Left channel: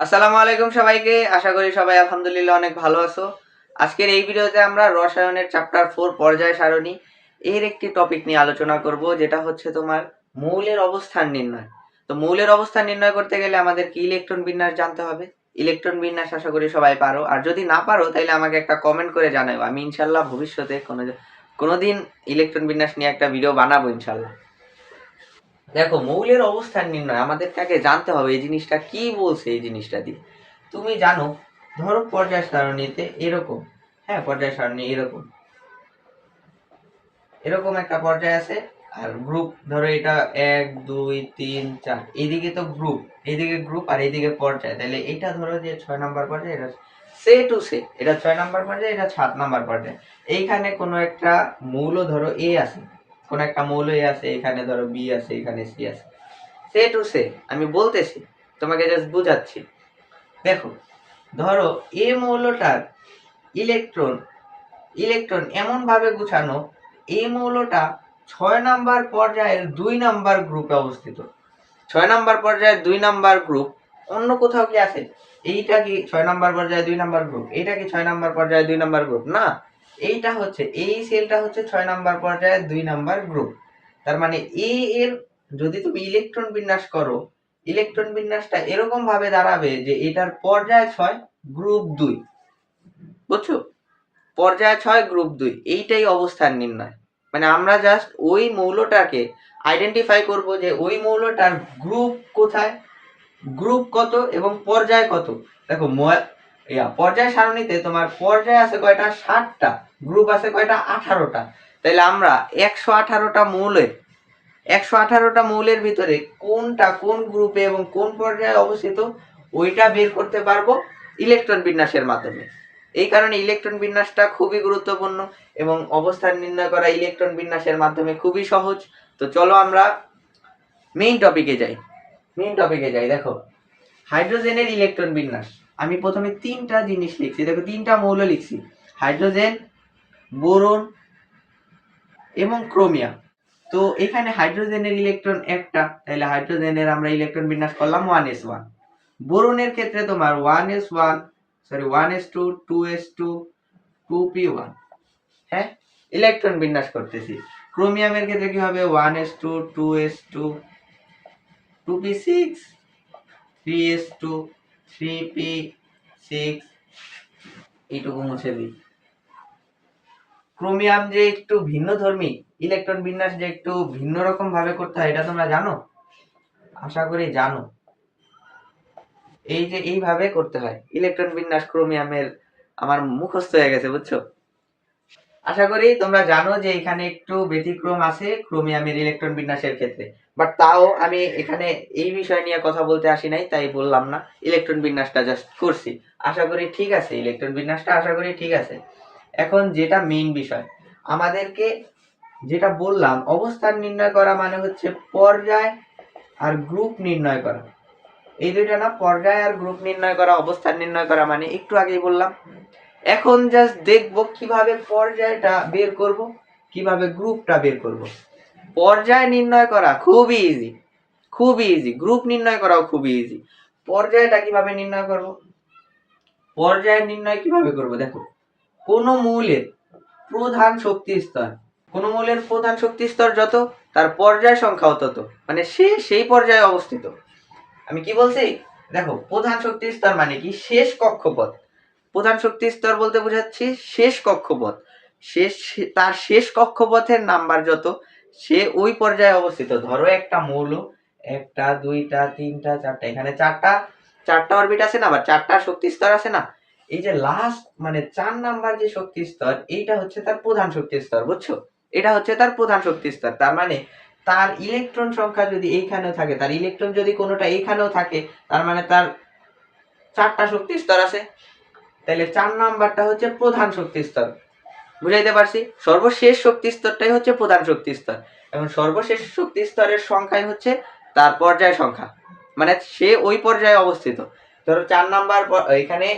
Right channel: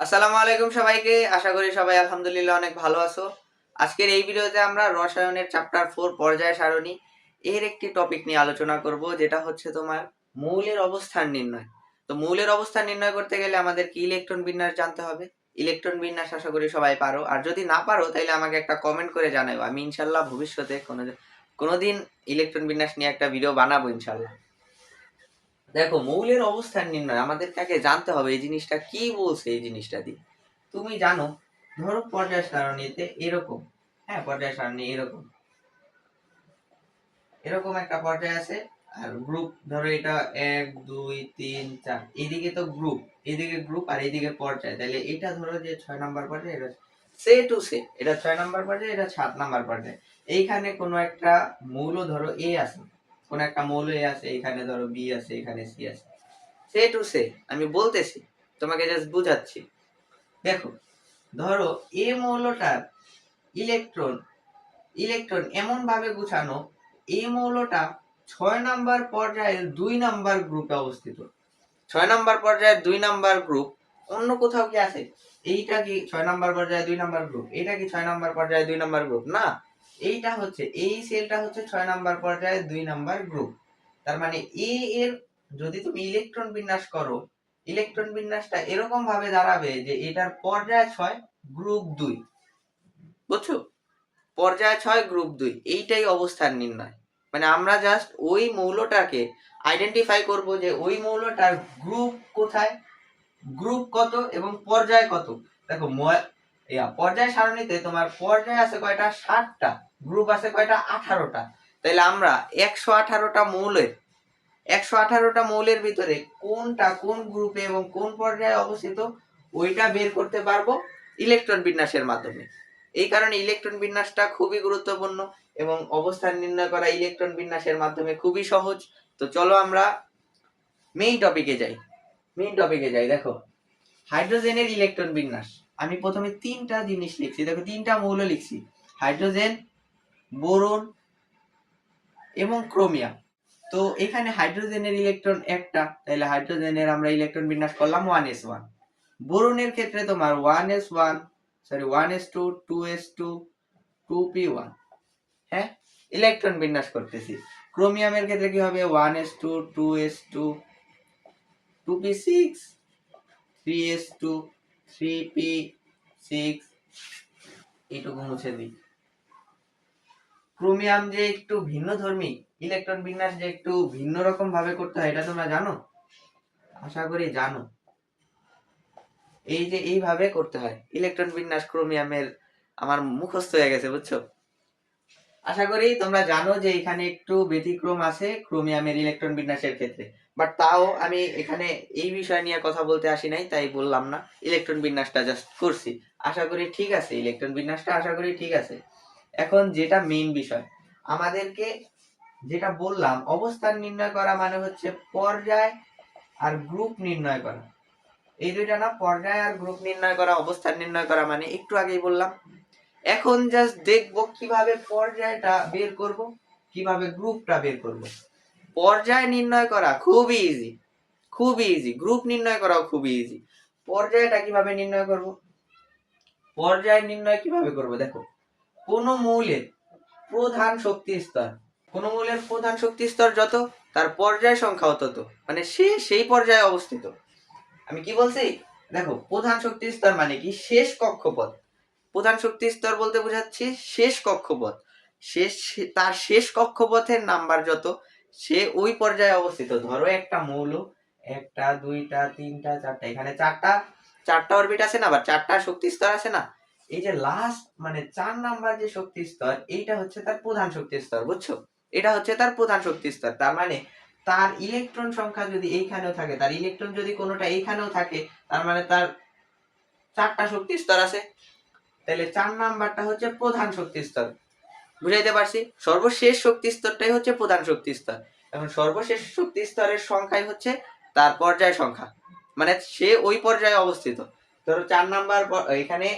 আসসালামু আলাইকুম সবাইকে। আশা করি সবাই আলহামদুলিল্লাহ অনেক ভালো আছো। আজকের এই ভিডিওতে আমরা রসায়নের চ্যাপ্টার 4 পর্যায় সারণী এর একটি টপিক নিয়ে আলোচনা করব, যেটা হচ্ছে তোমার মৌলের অবস্থান নির্ণয়। তো মৌলের অবস্থান নির্ণয় করতে গেলে আমাদেরকে ইলেকট্রন বিন্যাস জানতে হবে। ইলেকট্রন বিন্যাস আশা করি সবাই পারো, আর যদি না পারো তাহলে আমাকে একটা কমেন্ট করে জানাও। আমি ইনশাল্লাহ ভবিষ্যতে কোনোদিন ইলেকট্রন বিন্যাস নিয়ে একটা ভিডিও বানাবো ইনশাল্লাহ। দেখো, মৌলের অবস্থান নির্ণয় আমাদেরকে আগে জানতে হবে এই জিনিসটা কি বলছে। এই জিনিসটা দিয়ে তুমি জানো, ধরো পর্যায় সারণীতে এরকম, হ্যাঁ পর্যায় সারণী এরকম এরকম একটা পর্যায় আছে। আর গ্রুপ ধরো এটা 1 2 3 4, এইদিকে তো গ্রুপ, এইদিকে গ্রুপ আর এইদিকে পর্যায়। তাহলে এটা ধরো যে 6 নাম্বার পর্যায়ে, এটা সে টু সে, এটা 6 নাম্বার পর্যায়ে, এটা 7 নাম্বার পর্যায়ে। এইখানে কোনো একটা মৌল ধরো এ আছে, কোন একটা মৌল এ আছে, এখানে ধরো বি আছে, এখানে সি আছে। সে টু সে আমি বলতেছি, তোমাকে জাস্ট বুঝাচ্ছি। দেখো, ধরো এ মৌলটার ইলেকট্রন ইলেকট্রন এমন ভাবে গুছানো, এই মৌলটা 6 নাম্বার পর্যায়ের 2 নাম্বার গ্রুপে অবস্থিত। 6 নাম্বার পর্যায়ের 2 নাম্বার গ্রুপ অন্য কোথাও কি আছে? এইটা কি 6 নাম্বার পর্যায়ে 2 নাম্বার গ্রুপ? এইটা কি 6 নাম্বার পর্যায়ে 2 নাম্বার গ্রুপ? না, এইটা হচ্ছে, এই সেলটা হচ্ছে 6 নাম্বার পর্যায়ে 2 নাম্বার গ্রুপ। তার মানে এ এর যদি তুমি ইলেকট্রন বিন্যাস করো, ইলেকট্রন বিন্যাসটা এরকম ভাবে দাঁড়াবে যে এটার পর্যায় 6 গ্রুপ 2। বুঝছো? পর্যায় 6 গ্রুপ 2, এইটাই অবস্থান নির্ণয়। মানে আমরা জাস্ট ওই মৌলটাকে আইডেন্টিফাই করব যে ওই মৌলটার গ্রুপ কোথায়, গ্রুপ কত এবং পর্যায় কত। দেখো, পর্যায় সারণীতে তোমার পর্যায় আছে কয়টা? 60টা। গ্রুপ আছে কয়টা? 18টা। তাহলে আমরা 118টা মৌলের 118টা মৌলের ভিতরে কোনটা কোন গ্রুপে এবং কোন পর্যায়ে অবস্থিত ওইটা বের করতে পারবো ইলেকট্রন বিন্যাসের মাধ্যমে। এই কারণে ইলেকট্রন বিন্যাসটা খুবই গুরুত্বপূর্ণ এবং অবস্থান নির্ণয় করা ইলেকট্রন বিন্যাসের মাধ্যমে খুবই সহজ। তো চলো আমরা মেইন টপিকে যাই। দেখো, হাইড্রোজেনের ইলেকট্রন বিন্যাস। আমি প্রথমে 3টা জিনিস লিখছি, দেখো 3টা মৌল লিখছি, হাইড্রোজেন, বোরন এবং ক্রোমিয়াম। তো এখানে হাইড্রোজেনের ইলেকট্রন একটা, তাহলে হাইড্রোজেনের আমরা ইলেকট্রন বিন্যাস করলাম 1s1। বোরনের ক্ষেত্রে তোমার 1s1, sorry 1s2, 2s2, 2p1, হ্যাঁ ইলেকট্রন বিন্যাস করতেছি। ক্রোমিয়ামের ক্ষেত্রে কি হবে? 1s2, 2s2, 2p6, 3s2, 3p6, এইটুকু মুছে দিই। ক্রোমিয়াম যে একটু ভিন্ন ধর্মী, ইলেকট্রন বিন্যাস যে একটু ভিন্ন রকম ভাবে করতে হয়, এটা তোমরা জানো? আশা করি জানো। এই যে এইভাবে করতে হয় ইলেকট্রন বিন্যাস ক্রোমিয়ামের, আমার মুখস্থ হয়ে গেছে, বুঝছো? আশা করি তোমরা জানো যে এখানে একটু ব্যতিক্রম আছে ক্রোমিয়ামের ইলেকট্রন বিন্যাসের ক্ষেত্রে, বাট তাও আমি এখানে এই বিষয় নিয়ে কথা বলতে আসি নাই, তাই বললাম না, ইলেকট্রন বিন্যাসটা জাস্ট করছি। আশা করি ঠিক আছে, ইলেকট্রন বিন্যাসটা আশা করি ঠিক আছে। এখন যেটা মেইন বিষয়, আমাদেরকে যেটা বললাম, অবস্থান নির্ণয় করা মানে হচ্ছে পর্যায় আর গ্রুপ নির্ণয় করা। এই দুইটা না, পর্যায় আর গ্রুপ নির্ণয় করা, অবস্থান নির্ণয় করা, মানে একটু আগেই বললাম। এখন জাস্ট দেখবো কিভাবে পর্যায়টা বের করব, কিভাবে গ্রুপটা বের করব। পর্যায় নির্ণয় করা খুবই ইজি, খুবই ইজি। গ্রুপ নির্ণয় করাও খুবই ইজি। পর্যায়টা কিভাবে নির্ণয় করব? পর্যায় নির্ণয় কিভাবে করব? দেখো, কোন মৌলের প্রধান শক্তি স্তর, কোন মৌলের প্রধান শক্তি স্তর যত, তার পর্যায় সংখ্যাও তত, মানে সে সেই পর্যায়ে অবস্থিত। আমি কি বলছি? দেখো, প্রধান শক্তি স্তর মানে কি? শেষ কক্ষপথ। প্রধান শক্তি স্তর বলতে বোঝাচ্ছি শেষ কক্ষপথ। শেষ, তার শেষ কক্ষপথের নাম্বার যত, সে ওই পর্যায়ে অবস্থিত। ধরো একটা মৌল, একটা দুইটা তিনটা চারটা, এখানে চারটা চারটা অরবিট আছে না, আবার চারটা শক্তি স্তর আছে না। এই যে লাস্ট মানে 4 নাম্বার যে শক্তি স্তর, এইটা হচ্ছে তার প্রধান শক্তি স্তর, বুঝছো? এটা হচ্ছে তার প্রধান শক্তি স্তর। তার মানে তার ইলেকট্রন সংখ্যা যদি এইখানেও থাকে, তার ইলেকট্রন যদি কোনোটা এইখানেও থাকে, তার মানে তার 4টা শক্তি স্তর আছে। তাহলে 4 নাম্বারটা হচ্ছে প্রধান শক্তি স্তর। বুঝাইতে পারছি? সর্বশেষ শক্তি স্তরটাই হচ্ছে প্রধান শক্তি স্তর। এখন সর্বশেষ শক্তি স্তরের সংখ্যাই হচ্ছে তার পর্যায় সংখ্যা, মানে সে ওই পর্যায়ে অবস্থিত। ধরো 4 নাম্বার, এখানে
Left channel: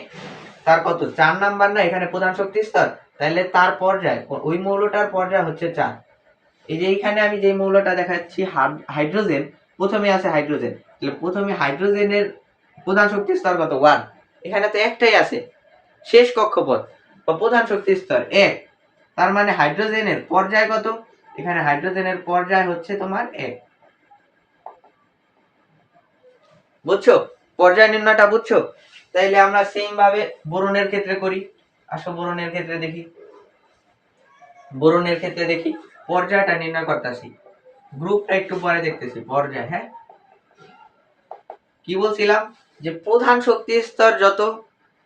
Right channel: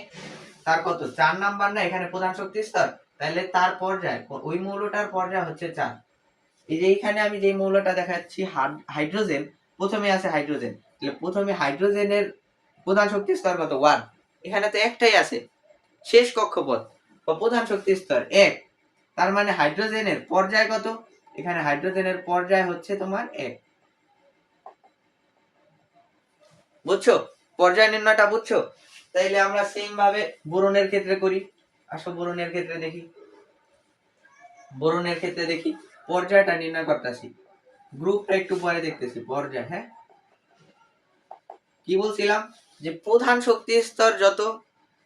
তার কত? 4 নাম্বার না, এখানে প্রধান শক্তি স্তর, তাহলে তার পর্যায়, ওই মৌলটার পর্যায় হচ্ছে 4। এই যে এইখানে আমি যে মৌলটা দেখাচ্ছি হাইড্রোজেন, প্রথমে আছে হাইড্রোজেন, তাহলে প্রথমে হাইড্রোজেনের প্রধান শক্তি স্তর কত 1, এখানে তো একটাই আছে, শেষ কক্ষপথ বা প্রধান শক্তি স্তর 1, তার মানে হাইড্রোজেনের পর্যায় কত, এখানে হাইড্রোজেনের পর্যায় হচ্ছে তোমার 1। বুঝছো পর্যায় নির্ণয়টা? বুঝছো? তাইলে আমরা সেম ভাবে বোরনের ক্ষেত্রে করি। আসো বোরনের ক্ষেত্রে দেখি, বোরনের ক্ষেত্রে দেখি পর্যায়টা নির্ণয় করতেছি, গ্রুপটা একটু পরে দেখতেছি। পর্যায়, হ্যাঁ কি বলছিলাম, যে প্রধান শক্তি স্তর যত,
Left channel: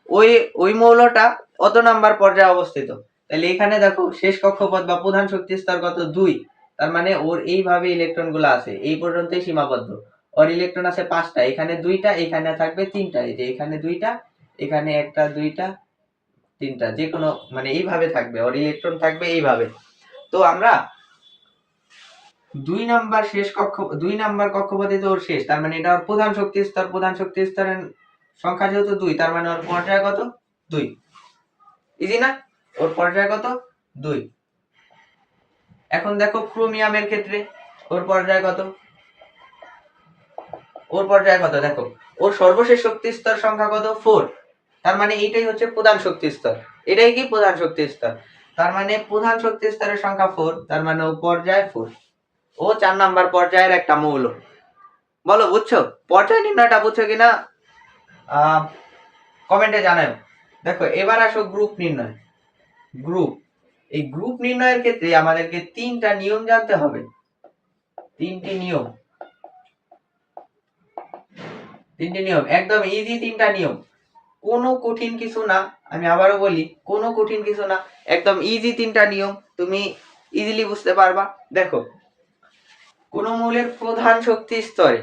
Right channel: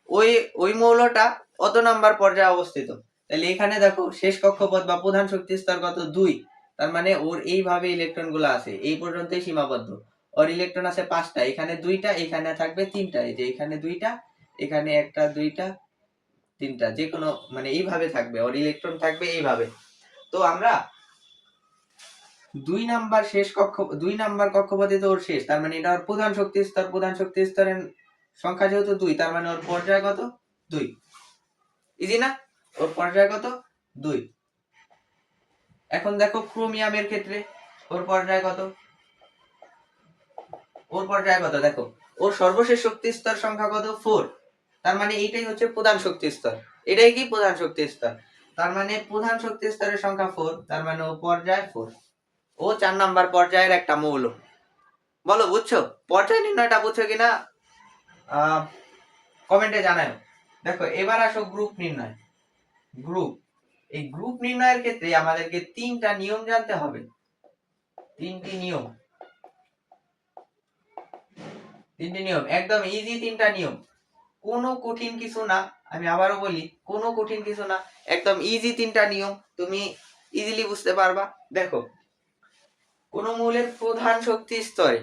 ওই ওই মৌলটা অত নাম্বার পর্যায়ে অবস্থিত। তাহলে এখানে দেখো শেষ কক্ষপথ বা প্রধান শক্তি স্তর কত 2, তার মানে ওর এইভাবে ইলেকট্রন গুলো আছে, এই পর্যন্তই সীমাবদ্ধ। ওর ইলেকট্রন আছে 5টা, এখানে 2টা, এখানে থাকবে 3টা, এই যে এখানে 2টা, এখানে 1টা 2টা 3টা, যে কোনো মানে এইভাবে থাকবে, ওর ইলেকট্রন থাকবে এইভাবে। তো আমরা 2 নাম্বার কক্ষপথে তো ওর শেষ, তার মানে এটা ওর প্রধান শক্তি স্তর, প্রধান শক্তি স্তরের সংখ্যা যেহেতু 2, তার মানে ওর পর্যায় কত 2। ইজি না? ওর পর্যায় কত 2। এখন দেখো ক্রোমিয়ামের ক্ষেত্রে ওর পর্যায় কত, ওর পর্যায় কত দেখো, ওর সর্বশেষ শক্তি স্তর সংখ্যা কত 4, তার মানে এইটাই হচ্ছে প্রধান শক্তি স্তর, এটাই কি প্রধান শক্তি স্তর, তার মানে প্রধান শক্তি স্তরের সংখ্যা 4, তার মানে ও পর্যায় 4, ও 4 নাম্বার পর্যায়ের একটা মৌল। বলো বুঝছো? পর্যায় নির্ণয়টা বুঝছো কিনা কমেন্টে জানাও। দেখো এবার আসো গ্রুপ নির্ণয়। গ্রুপ, এই গ্রুপ নির্ণয়ের ক্ষেত্রে আমাদেরকে 3টা নিয়ম জানতে হবে, 3টি নিয়ম, 3টি নিয়ম একদম ইজি, 3টা নিয়ম, কোনো কঠিন কিছু না। আমি আবারও বলি, কোনো কঠিন কিছু না, একদম ইজি 3টা নিয়ম, তুমি ইজিলি বুঝতে পারবা। দেখো কোন মৌলের প্রধান শক্তি স্তরে,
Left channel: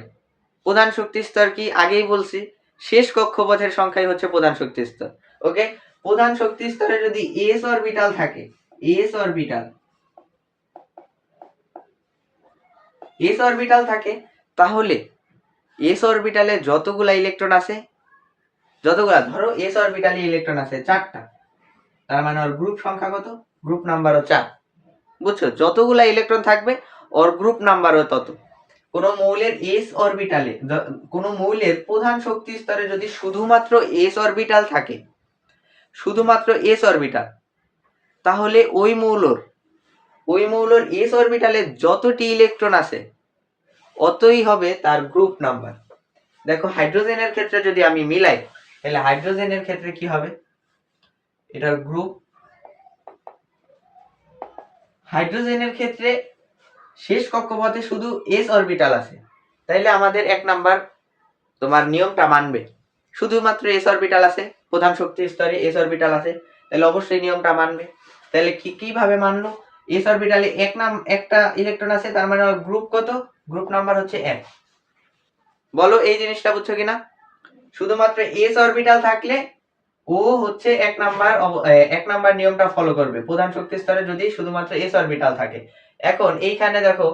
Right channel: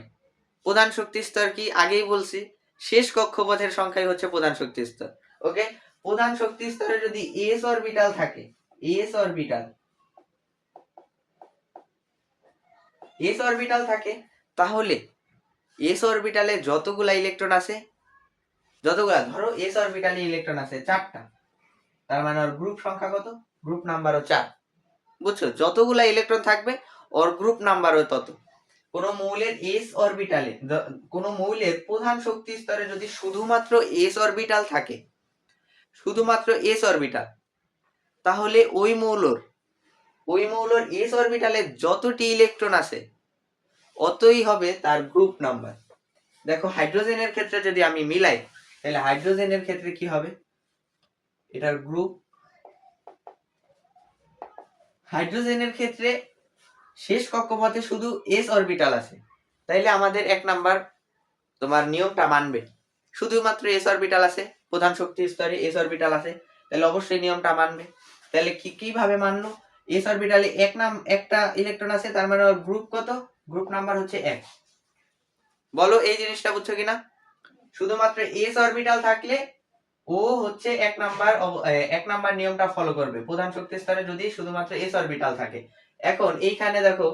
প্রধান শক্তি স্তর কি আগেই বলছি, শেষ কক্ষপথের সংখ্যাই হচ্ছে প্রধান শক্তি স্তর। ওকে, প্রধান শক্তি স্তরে যদি এস অরবিটাল থাকে, এস অরবিটাল, এস অরবিটাল থাকে, তাহলে এস অরবিটালে যতগুলা ইলেকট্রন আছে, যতগুলা ধরো এস অরবিটালে ইলেকট্রন আছে 4টা, তার মানে ওর গ্রুপ সংখ্যা কত, গ্রুপ নাম্বারও 4। বুঝছো? যতগুলা ইলেকট্রন থাকবে ওর গ্রুপ নাম্বারও তত। কোন মৌলের এস অরবিটালে, কোন মৌলের প্রধান শক্তি স্তরে যদি শুধুমাত্র এস অরবিটাল থাকে, শুধুমাত্র এস অরবিটাল, তাহলে ওই মৌলর এস অরবিটালে যতটি ইলেকট্রন আছে অতই হবে তার গ্রুপ নাম্বার। দেখো হাইড্রোজেনের ক্ষেত্রে যদি আমি মিলাই, তাহলে হাইড্রোজেনের ক্ষেত্রে কি হবে, এটার গ্রুপ, হাইড্রোজেনের ক্ষেত্রে শেষ কক্ষপথে শুধু এস অরবিটাল আছে, তাইলে আমাদের 1 নাম্বার তোমার নিয়মটা মানবে, শুধুমাত্র এস অরবিটাল আছে, প্রধান শক্তি স্তরে এস অরবিটাল আছে, তাহলে অবশ্যই নিয়মটা মানবে। তাহলে কিভাবে মানলো, এস অরবিটালে একটা ইলেকট্রন আছে, তার মানে ওর গ্রুপ কত, গ্রুপ নাম্বার হচ্ছে 1। বলো এই জিনিসটা বুঝছো কিনা? শুধুমাত্র এস অরবিটাল থাকলে ও হচ্ছে 1 নাম্বার নিয়মটা ফলো করবে, প্রধান শক্তি স্তরে যদি শুধুমাত্র এস অরবিটাল থাকে। এখন এইখানে দেখো,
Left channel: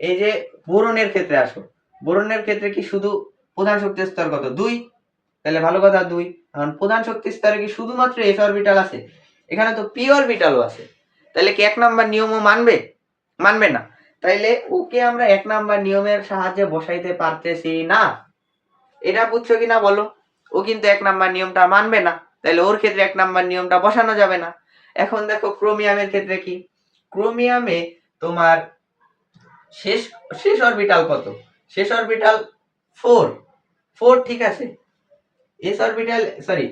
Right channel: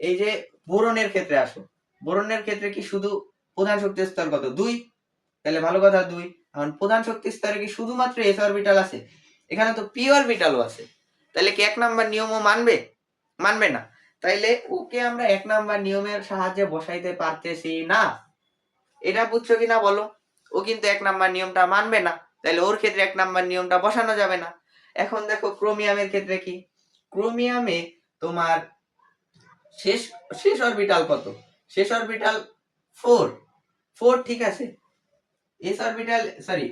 এই যে বোরনের ক্ষেত্রে আসো, বোরনের ক্ষেত্রে কি শুধু প্রধান শক্তি স্তর কত 2, তাহলে ভালো কথা 2। এখন প্রধান শক্তি স্তরে কি শুধুমাত্র এস অরবিটাল আছে, এখানে তো পি অরবিটালও আছে, তাহলে কি 1 নাম্বার নিয়মও মানবে? মানবে না। তাইলে ওকে আমরা 1 নাম্বার নিয়মের সাহায্যে বসাইতে পারতেছি না, এটা বুঝছো কিনা বলো? ও কিন্তু 1 নাম্বার নিয়মটা মানবে না, তাহলে ওর ক্ষেত্রে 1 নাম্বার নিয়মটা বসানো যাবে না। এখন দেখো ক্রোমিয়ামের ক্ষেত্রে কি, ক্রোমিয়ামে তোমার শেষ শেষ অরবিটাল কত, শেষ অরবিটাল 4, 4 ঠিক আছে, এস অরবিটাল সরি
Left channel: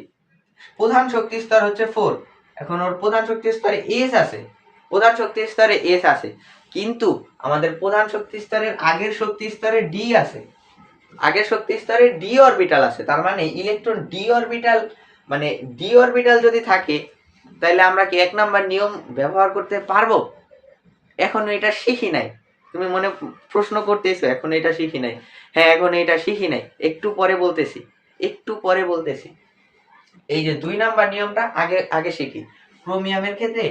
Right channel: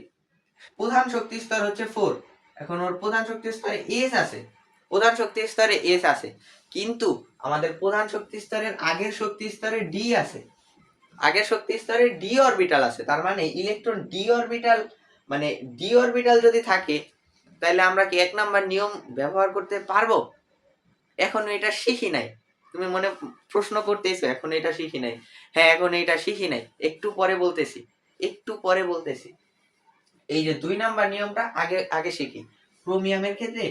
প্রধান শক্তি স্তর হচ্ছে 4, এখন ওর প্রধান শক্তি স্তরে এস আছে, প্রধান শক্তি স্তরে এস আছে, কিন্তু আমাদের প্রধান শক্তি স্তরের আগের শক্তি স্তরে ডি আছে, আগের শক্তি স্তরে ডি অরবিটাল আছে, তার মানে ইলেকট্রন ডি অরবিটাল, মানে ডি অরবিটাল যদি থাকে, তাহলে আমরা কি 1 নাম্বার নিয়ম ব্যবহার করতে পারবো? এখন এটা শিখি নাই, তুমি মনে প্রশ্ন করতেছো এখন এটা শিখি নাই, হ্যাঁ এখন এটা শিখি নাই, একটু পরে বলতেছি, একটু পরে বলতেছি। এই যে 2 নাম্বার নিয়মটা আগে আগে শিখি। ক্রোমিয়ামের ক্ষেত্রে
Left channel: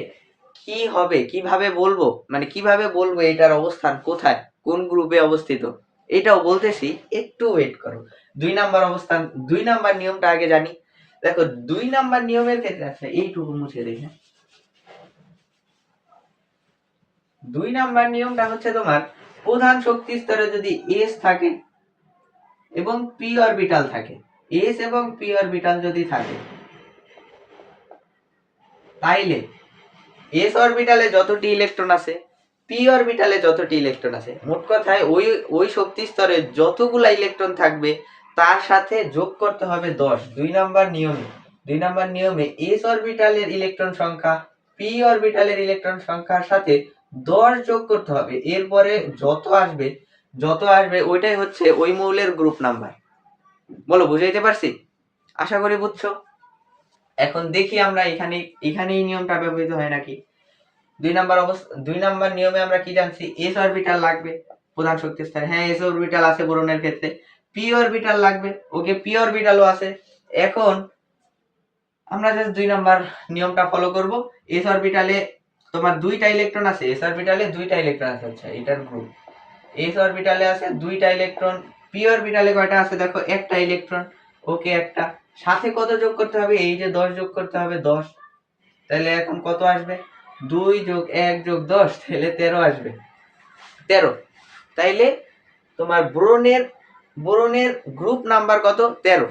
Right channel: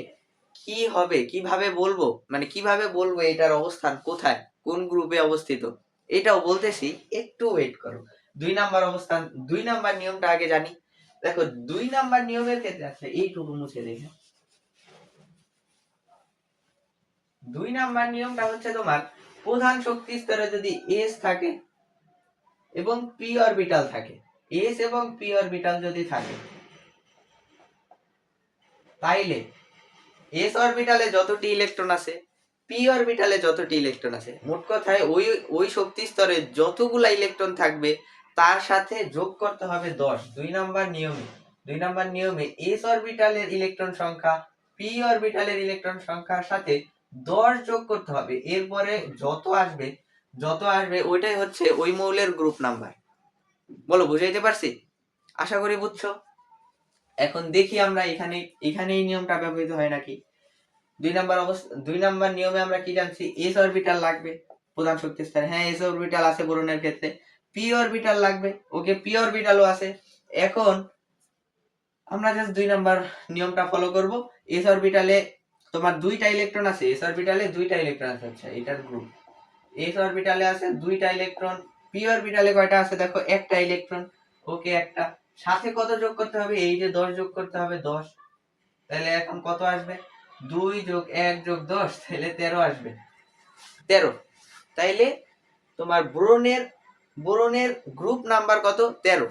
কি হবে, কিভাবে বলবো, মানে কিভাবে বলবো এটার অবস্থান কোথায়, কোন গ্রুপে অবস্থিত, এটাও বলতেছি, একটু ওয়েট করো। 2 নাম্বার অবস্থান, 2 নাম্বার নিয়মটা আগে জানি। দেখো 2 নাম্বার নিয়মের ক্ষেত্রে আছে, এইটুকু মুছে দেখে, 2 নাম্বার নিয়মটা হচ্ছে তোমার প্রধান শক্তি স্তরে যদি এস থাকে এবং পি অরবিটাল থাকে, এস এবং পি অরবিটাল যদি থাকে, তাইলে এস অরবিটালে যতটি ইলেকট্রন আছে, পি অরবিটালে যতটি ইলেকট্রন আছে, মোট কথায় ওই ওই শক্তি স্তরে যতগুলা ইলেকট্রন থাকবে তার সাথে যোগ করতে হবে 10। 2 নম্বর নিয়মে এস অরবিটালের ইলেকট্রন সংখ্যা পি অরবিটালের ইলেকট্রন সংখ্যার সাথে 10 যোগ করতে হবে। এরপরে যত আসবে ওইটাই হচ্ছে ওই মৌলের গ্রুপ নাম্বার। বলো, বুঝাইতে পারছি? আশা করি বুঝছো। এখন দেখি আমরা এখানে এই নিয়মটা ব্যবহৃত হয় নাকি। 2 নম্বর নিয়মে আমরা কি জানছি? এস অরবিটাল লাগবে প্রধান শক্তি স্তরে। হ্যাঁ, এস অরবিটাল আছে বোরনের ক্ষেত্রে। পি অরবিটাল লাগবে, ওকে, পি অরবিটালও আছে। এখন আমরা জাস্ট 2 নম্বর নিয়মটা ফলো করব। এস অরবিটালে তোমার 2টা ইলেকট্রন আছে, এস অরবিটালে 2টা ইলেকট্রন আছে, আচ্ছা এটার গ্রুপ। এস অরবিটালে আছে 2টা ইলেকট্রন, পি অরবিটালে কয়টা আছে দেখো? একটা ইলেকট্রন, ওকে, একটা। সাথে কত যোগ করতে হবে? এই যে 10 যোগ করতে হবে, 10। তাহলে এখন কত আসবে? 2 যোগ 1 যোগ 10, তাহলে 13 আসবে। 13। তাইলে তোমার বোরনের গ্রুপ নাম্বার কত? 13।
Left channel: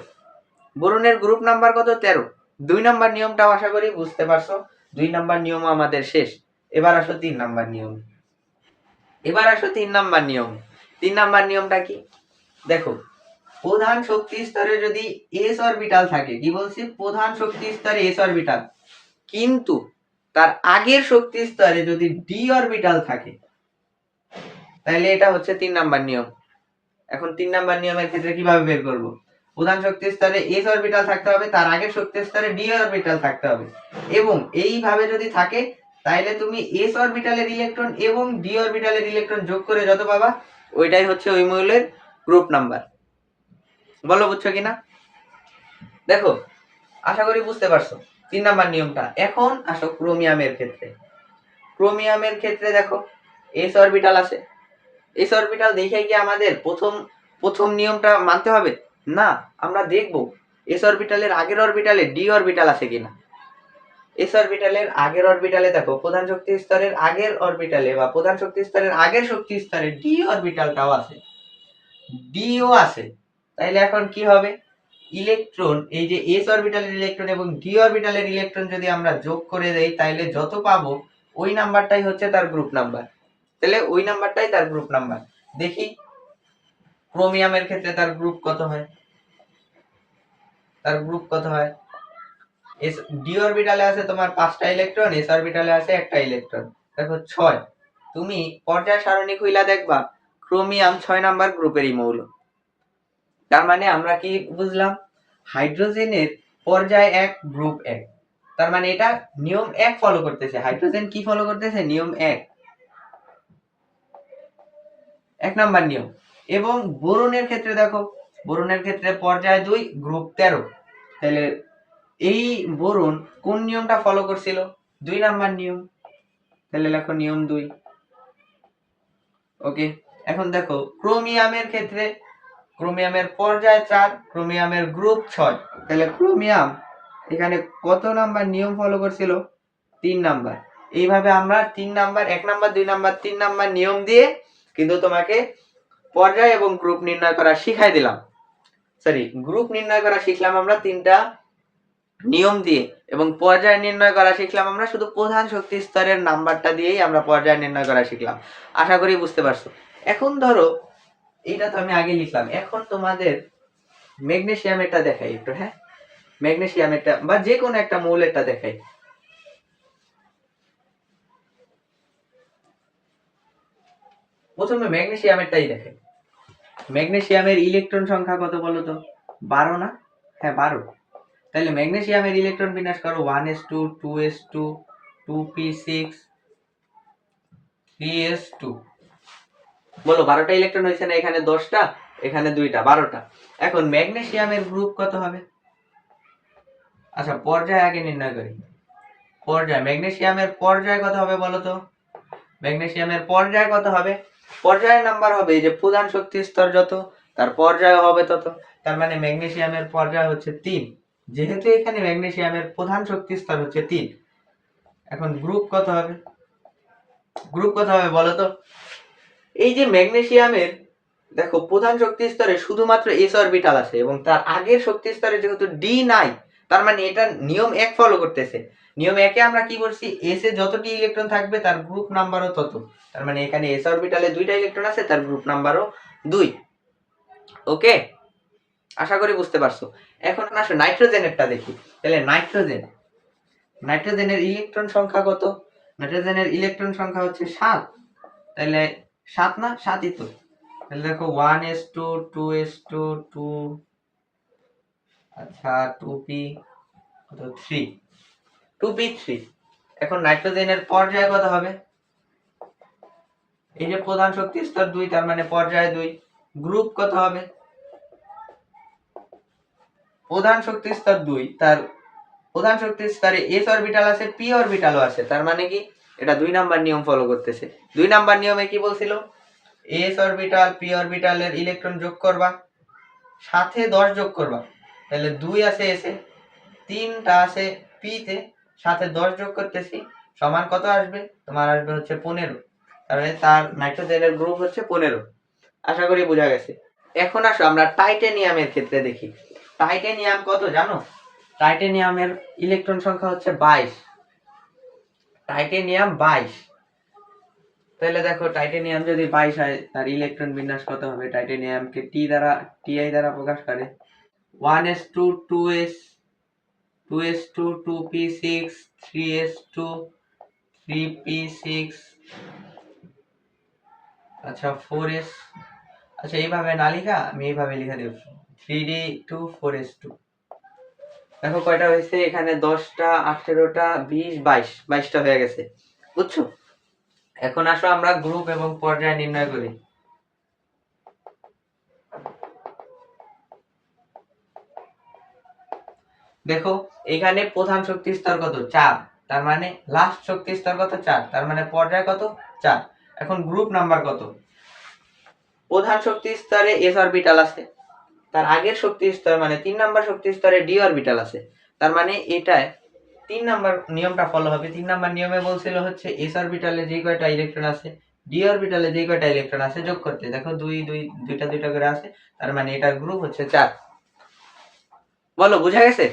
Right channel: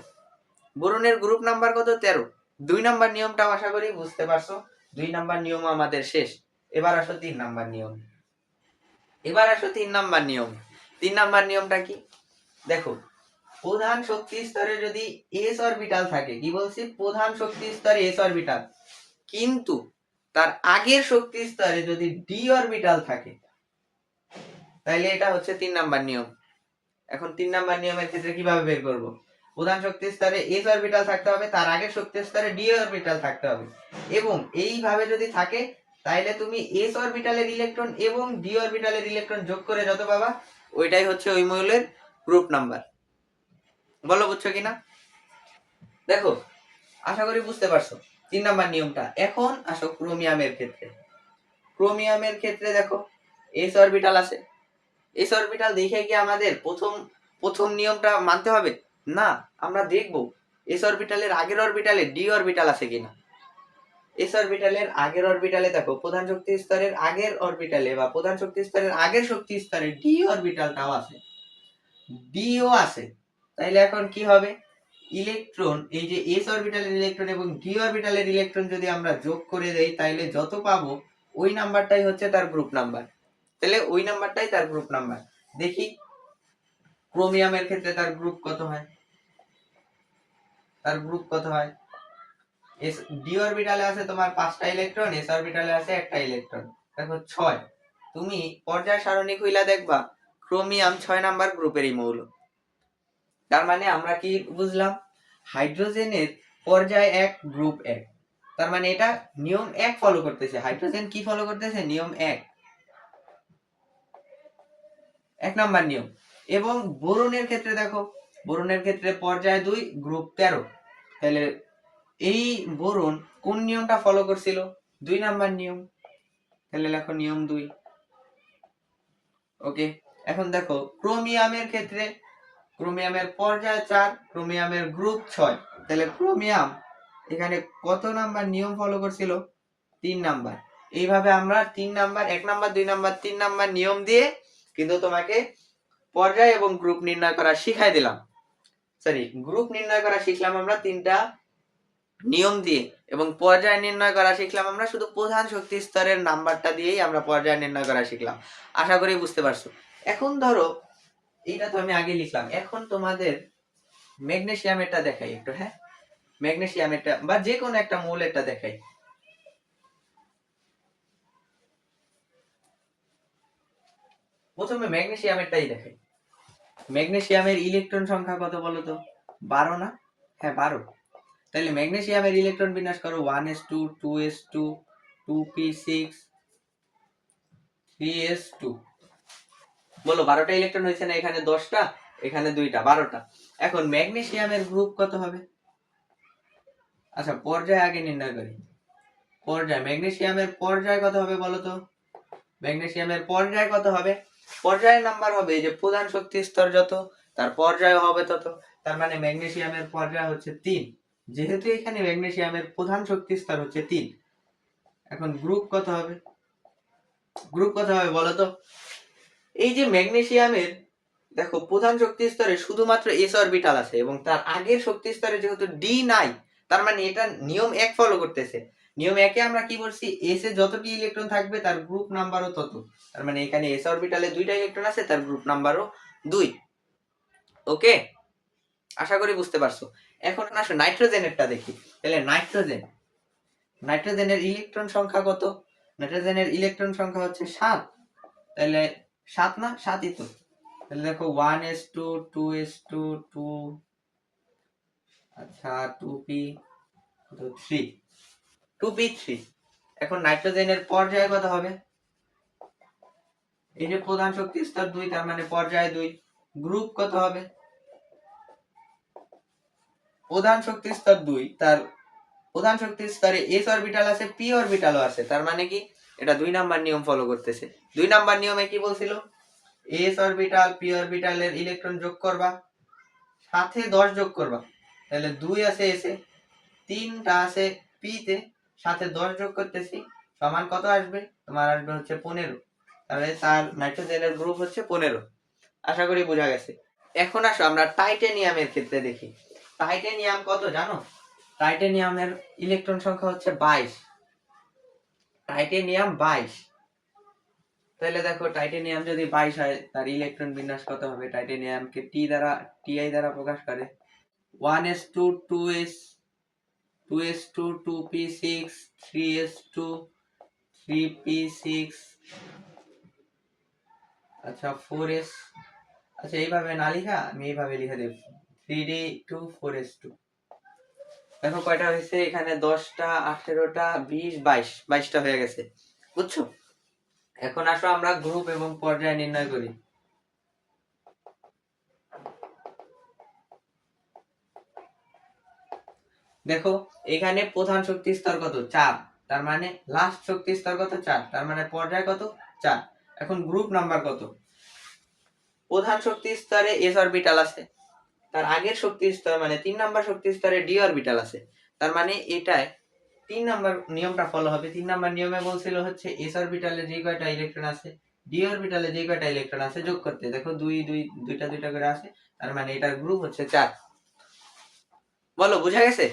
বোরনের গ্রুপ নাম্বার কত? 13। 2 নম্বর নিয়মটাও আশা করি বুঝতে পারছো। 2 নম্বর নিয়ম আমাদের শেষ। এবার আসো 3 নম্বর নিয়ম। 3 নম্বর নিয়মটা কি দেখো? প্রধান শক্তি স্তরে যদি এস অরবিটাল থাকে, কি বলছি? প্রধান শক্তি স্তরে এস অরবিটাল, কিন্তু তার আগের শক্তি স্তরে যদি ডি অরবিটাল থাকে, তাহলে এটা হচ্ছে 3 নম্বর নিয়ম। এখন 3 নম্বর নিয়মের ক্ষেত্রে কিভাবে বের করব? প্রধান শক্তি স্তরে এস অরবিটাল থাকতে হবে, তার আগের শক্তি স্তরে ডি অরবিটাল থাকতে হবে, এবং এইভাবে যদি থাকে তাহলে তুমি এস অরবিটালের ইলেকট্রন এবং ডি অরবিটালের ইলেকট্রন যোগ করে যত পাবা ওইটাই হচ্ছে ওই মৌলের গ্রুপ নাম্বার। বলো, বুঝছো কিনা? দেখো, আশা করি বুঝতে পারছো 3 নম্বর নিয়মটা। এখন আসো ক্রোমিয়ামের ক্ষেত্রে। ক্রোমিয়ামের ক্ষেত্রে দেখো, এস অরবিটাল আছে। এস অরবিটাল দেখে কি আমাদের প্রথম নিয়মটা মানতে হবে? না, আমরা দেখব এস অরবিটালের আগের অরবিটালে ডি অরবিটাল আছে কিনা। এস অরবিটালের আগের অরবিটালে দেখো, প্রধান শক্তি স্তরের আগের অরবিটালে বা প্রধান শক্তি স্তরের আগের শক্তি স্তরে ডি অরবিটালটাও আছে, ডিও আছে। তাইলে এখন কি হবে? ইলেকট্রন, এই যে এস অরবিটালের ইলেকট্রন এবং ডি অরবিটালের ইলেকট্রন যদি আমরা যোগ করে দেই, তাইলে যত পাবো ওই নাম্বারটাই হচ্ছে তার গ্রুপ নাম্বার। তাহলে ওই নাম্বারটাই তার গ্রুপ নাম্বার। দেখি ক্রোমিয়ামের ক্ষেত্রে তার গ্রুপ কত হয়। এস ডি অরবিটালে আছে তোমার 5টা ইলেকট্রন, এস অরবিটালে আছে একটা ইলেকট্রন, দেখো 6। তুমি পর্যায় সারণী খুইলা দেখবা ক্রোমিয়াম 6 নাম্বার গ্রুপেরই মৌল। তার মানে আমরা কি বুঝলাম? হাইড্রোজেনের পর্যায় 1, গ্রুপ 1। তার মানে এটা নিয়ম 1 ফলো করতেছে। হাইড্রোজেন কি ফলো করতেছে? নিয়ম 1 নাম্বার নিয়ম। এবং বোরনের ক্ষেত্রে দেখো, বোরনের ক্ষেত্রে পর্যায় 2, গ্রুপ 13। তাহলে এই বোরন কোন নিয়মটা ফলো করছিল? 2 নাম্বার নিয়ম। তাহলে লেখো নিয়ম 2। ওকে, এখন দেখো ক্রোমিয়ামের ক্ষেত্রে, ক্রোমিয়ামের পর্যায় 4, ক্রোমিয়ামের গ্রুপ 6। তাহলে ক্রোমিয়াম এখানে কত নাম্বার নিয়ম ফলো করছিল? 3 নাম্বার। এইভাবে আমরা 3 নাম্বার, 1 নাম্বার, 2 নাম্বার, 3 নাম্বার নিয়ম দিয়ে কিন্তু তোমাকে পর্যায় এবং গ্রুপ নির্ণয় করা শিখাই দিলাম। গ্রুপ নির্ণয় করা শিখলাম আমরা 3টা নিয়ম দিয়ে, এবং পর্যায় নির্ণয় করা শিখলাম আমরা শুধু প্রধান শক্তি স্তরের নাম্বারটা দিয়েই আমরা পর্যায় নির্ণয় করা শিখলাম। আশা করি বুঝতে পারছো। এখন ধরো, এইটা তো আমি আগে লিখলাম, এখন তোমাদের ম্যাগনেসিয়ামেরটা দেখাই একটু। হ্যাঁ, ম্যাগনেসিয়ামেরটা বা যে কোনো একটা মৌলেরটা দেখাই। প্রথমে ম্যাগনেসিয়ামেরটাই দেখাই। ম্যাগনেসিয়ামের ইলেকট্রন সংখ্যা কত বলো তো? 12 না? হ্যাঁ, 12। তাহলে ম্যাগনেসিয়ামের ইলেকট্রন বিন্যাস করো 1s2, 2s2, 2p6, 3s2। বলো, 12টা ইলেকট্রন হয়েছে না? এখানে 10টা, এখানে 2টা, 12টা। এখন ম্যাগনেসিয়ামের গ্রুপ কত হবে? আচ্ছা, পর্যায় আগে নির্ণয় করি। পর্যায়, ম্যাগনেসিয়ামের পর্যায় কত হবে বলো তো? ম্যাগনেসিয়ামের পর্যায় কত হবে? পর্যায়ের নাম্বার হবে এই যে প্রধান শক্তি স্তর যত, তার পর্যায় হবে তত। তার মানে ম্যাগনেসিয়ামের পর্যায় হচ্ছে 3, যেহেতু এখানে ম্যাগনেসিয়ামের প্রধান শক্তি স্তর হচ্ছে 3। এখন গ্রুপ কত হবে বলো তো? এই যে ম্যাগনেসিয়ামের দেখো প্রধান শক্তি স্তরে শুধুমাত্র এস অরবিটাল আছে এবং তার আগের শক্তি স্তরে যেহেতু ডি নাই, তার মানে এটা নিয়ম 1 ফলো করতেছে। নিয়ম 1 এ আমরা কি বলছি, এস এ যতটি ইলেকট্রন থাকবে তার গ্রুপ নাম্বারও তত। তার মানে এখানে এস অরবিটালে 2টা ইলেকট্রন আছে, তার গ্রুপ নাম্বারও 2। ওকে, আশা করি বুঝতে পারছো। এখন আসো নাইট্রোজেনেরটা দেখি। তাহলে নাইট্রোজেনের ইলেকট্রন সংখ্যা কত? নাইট্রোজেনের ইলেকট্রন সংখ্যা হচ্ছে 7। তাহলে 7 না, 7ই তো। তাহলে দেখো 1s2 2s2 2, আচ্ছা 2p 3, 2p3। এখন নাইট্রোজেনের পর্যায় কত হবে? এই যে প্রধান শক্তি স্তর 2, তার মানে পর্যায় 2। গ্রুপ কত হবে? প্রধান শক্তি স্তর 2, তার প্রধান শক্তি স্তরে s অরবিটাল আছে, p অরবিটালও আছে। তার মানে কি এটা 2 নাম্বার নিয়ম ফলো করতেছে। 2 নাম্বার নিয়মে কি বলছিল, s অরবিটাল p অরবিটালের ইলেকট্রন যোগ করবা, সাথে 10 যোগ করবা। তাহলে 2 আছে s এ, 3টা আছে p তে, সাথে 10 যোগ করতেছি, সমান কত আসবে? তোমার আসবে হচ্ছে 15। তাহলে তার নাইট্রোজেনের গ্রুপ হচ্ছে 15। আশা করি বোঝা গেছে। এখন আসো আমরা টাইটেনিয়ামের ক্ষেত্রে দেখি। টাইটেনিয়াম কত জানো? টাইটেনিয়ামের ইলেকট্রন সংখ্যা হচ্ছে 22। টাইটেনিয়াম 22। তাহলে দেখো টাইটেনিয়াম যদি 22 হয়, তার ইলেকট্রন বিন্যাস কত হবে? টাইটেনিয়ামকে টি দ্বারা প্রকাশ করে। 1s2 2s 2s2 2p6 3s2 3p6, আচ্ছা 4s, আচ্ছা এইভাবে না লিখা আমি এইভাবে লিখে দেব 3d2 4s2। দেখো কয়টা হয়েছে এখানে? 10টা 18টা 20 22, 22টা হয়ে গেছে, বুঝছো? এখন আসো আমরা গ্রুপ এবং পর্যায় নির্ণয় করি। দেখো এখানে প্রধান শক্তি স্তর কত? 4। তার মানে লাস্ট শক্তি স্তর কত? 4। তার মানে পর্যায় কত? 4। এখন গ্রুপ নাম্বার কত? প্রধান শক্তি স্তরে s অরবিটাল আছে, তার আগের শক্তি স্তর মানে 3 নাম্বার শক্তি স্তরে d অরবিটাল আছে। তার মানে এটায় 3 নাম্বার নিয়মটা ফলো হবে। 3 নাম্বার নিয়মে বলছিল হচ্ছে s অরবিটালে যে কয়টা ইলেকট্রন আছে, d অরবিটালে যে কয়টা ইলেকট্রন আছে যোগ করতে। দেখো 2 2 দুইটা দুইটা করে আছে, তার মানে এটার গ্রুপ হচ্ছে 4। বলো বুঝা গেছে?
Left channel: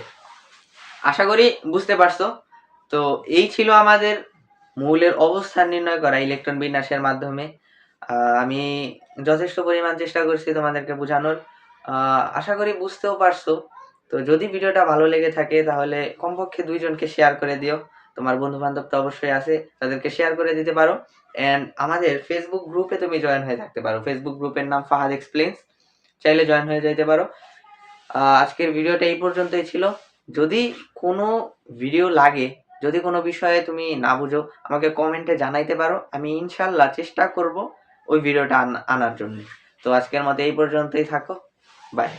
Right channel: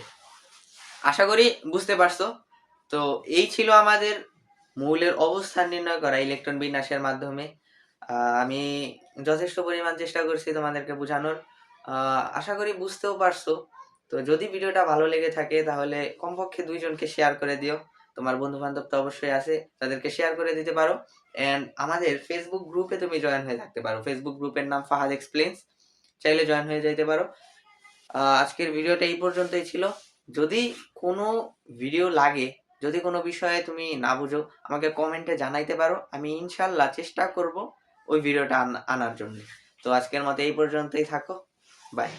আশা করি বুঝতে পারছো। তো এই ছিল আমাদের মৌলের অবস্থান নির্ণয় করা ইলেকট্রন বিন্যাসের মাধ্যমে। আমি যথেষ্ট পরিমাণ চেষ্টা করছি তোমাদেরকে বোঝানোর। আশা করি বুঝতেও পারছো। তো যদি ভিডিওটা ভালো লেগে থাকে তাহলে কমপক্ষে 2 জনকে শেয়ার করে দিও। তোমার বন্ধু বান্ধব তো অবশ্যই আছে, তাদেরকে শেয়ার করে দিতে পারো। এন্ড আমাদের ফেসবুক গ্রুপে তুমি জয়েন হয়ে থাকতে পারো। ফেসবুক গ্রুপের নাম ফাহাদ এক্সপ্লেইনস, চাইলে জয়েন হয়ে যেতে পারো। আজকের ভিডিওটা এই পর্যন্তই ছিল। যদি কোনো ভিডিও লাগে, যদি কোনো বিষয়ে তুমি না বুঝো, আমাকে কমেন্টে জানাইতে পারো। আমি ইনশাল্লাহ চেষ্টা করব ওই ভিডিওটা আনার জন্য। তো আজকের মতো এই পর্যন্তই থাকো। বাই।